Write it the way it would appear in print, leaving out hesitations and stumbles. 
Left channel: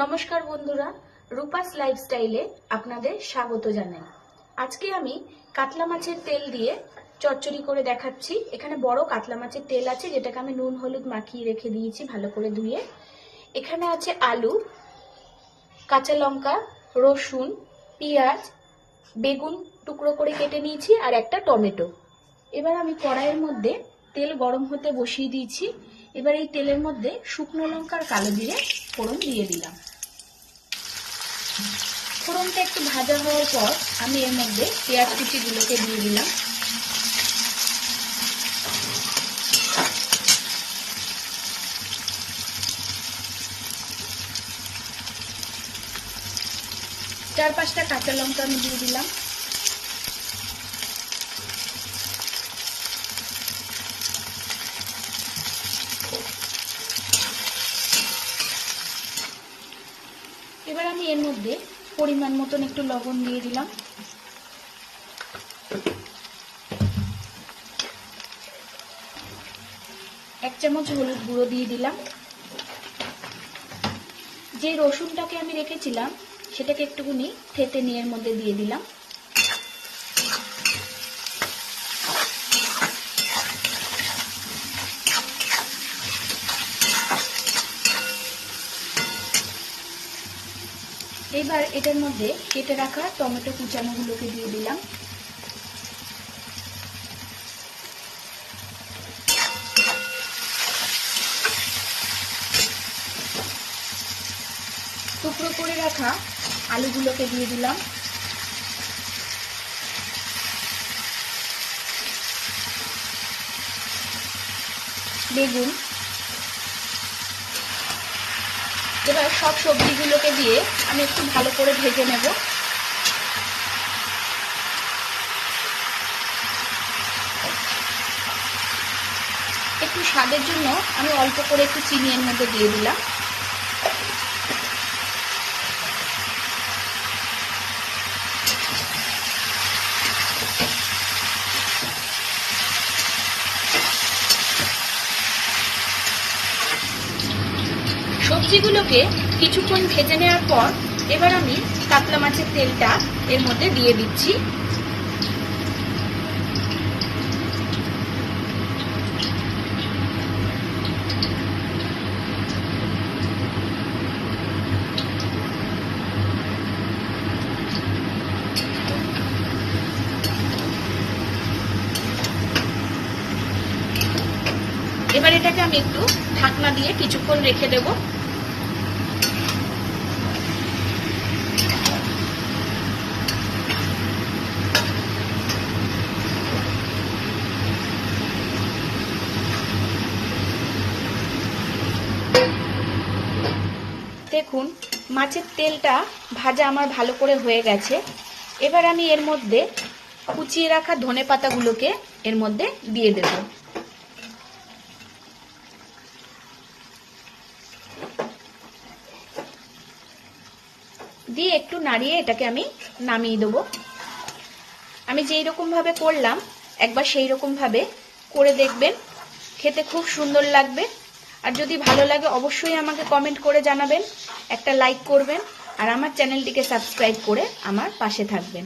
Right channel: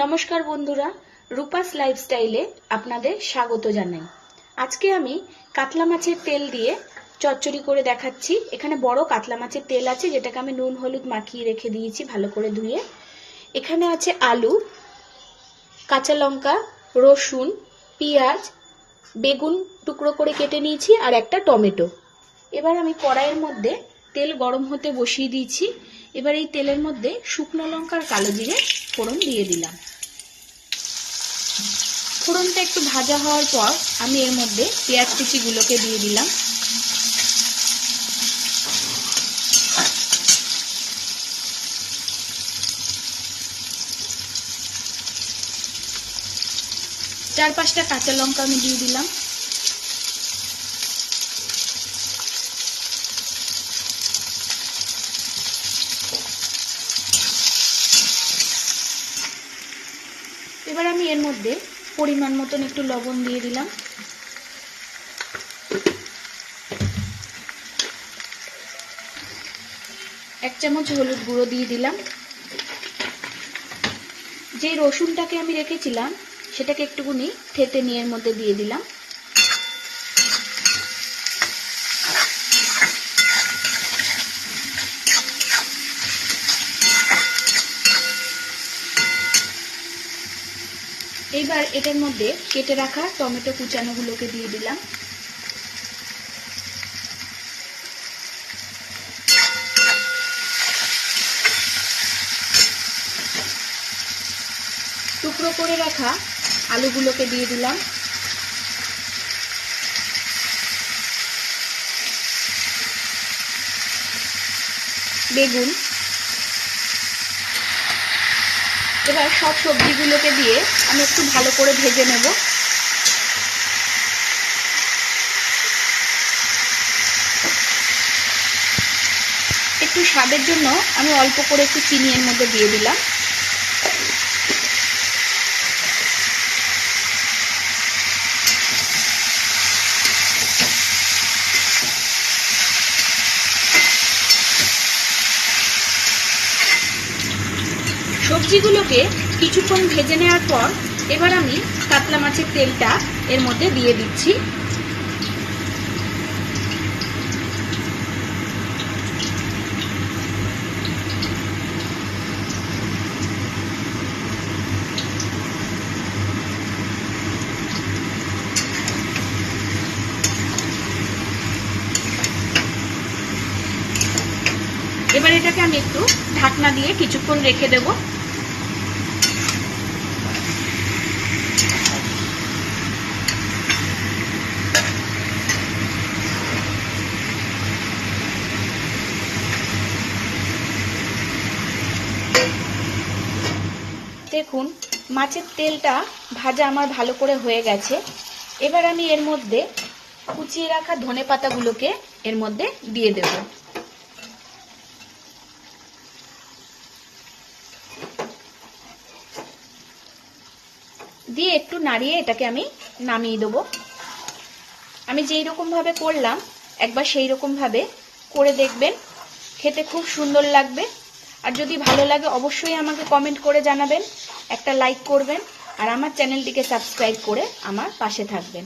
নমস্কার বন্ধুরা, রূপাস লাইফস্টাইলে আপনাদের স্বাগত জানাই। আজকে আমি কাতলা মাছের তেল দিয়ে চচ্চড়ি করে দেখাচ্ছি। এখানে বড় কাতলা মাছের তেল আছে, যেটাকে আমি নুন হলুদ মাখিয়ে রেখে দিয়েছি ভালো করে ধুয়ে। এখানে আছে আলু, কাঁচা লঙ্কা, রসুন, পেঁয়াজ, বেগুন টুকরো করে কেটে নিয়েছি আর একটা টমেটো। এবার আমি কড়াইয়ের মধ্যে তেল গরম হতে বসিয়ে দিয়েছি। এবার এই তেলের মধ্যে শুকনো লঙ্কা আর কালো জিরে ফোড়ন দিয়ে দিলাম। ফোড়নটা একটু ভাজা হওয়ার পর আমি এর মধ্যে পেঁয়াজ কুচিগুলোকে দিয়ে দিলাম। চার পাঁচটা কাঁচা লঙ্কা আমি দিয়ে দিলাম। এবার আমি এর মধ্যে পরিমাণ মতন একটু লবণ দিয়ে দিলাম। এক চামচ হলুদ গুঁড়ো দিয়ে দিলাম। যে রসুনটাকে আমি রেখেছিলাম সেটাকে একটুখানি থেতে নিয়ে এর মধ্যে দিয়ে দিলাম। এইবার এটার মধ্যে কেটে রাখা টমেটো কুচানোগুলোকে দিয়ে দিলাম। টুকরো করে রাখা আলুগুলোকে দিয়ে দিলাম। বেগুন। এবার সব সবজিগুলোকে দিয়ে আমি একটু ভালো করে ভেজে নেব। একটু স্বাদের জন্য আমি অল্প করে একটু চিনি এর মধ্যে দিয়ে দিলাম। সবজিগুলোকে কিছুক্ষণ ভেজে নেওয়ার পর এবার আমি কাতলা মাছের তেলটা এর মধ্যে দিয়ে দিচ্ছি। এবার এটাকে আমি একটু ঢাকনা দিয়ে কিছুক্ষণ রেখে দেব। দেখুন মাছের তেলটা ভাজা আমার ভালো করে হয়ে গেছে। এবার আমি এর মধ্যে কুচিয়ে রাখা ধনেপাতাগুলোকে এর মধ্যে দিয়ে দেব। দিয়ে একটু নাড়িয়ে এটাকে আমি নামিয়ে দেবো। আমি যেই রকম ভাবে করলাম একবার সেই রকম ভাবে করে দেখবেন, খেতে খুব সুন্দর লাগবে। আর যদি ভালো লাগে অবশ্যই আমাকে কমেন্ট করে জানাবেন, একটা লাইক করবেন আর আমার চ্যানেলটিকে সাবস্ক্রাইব করে আমার পাশে থাকবেন।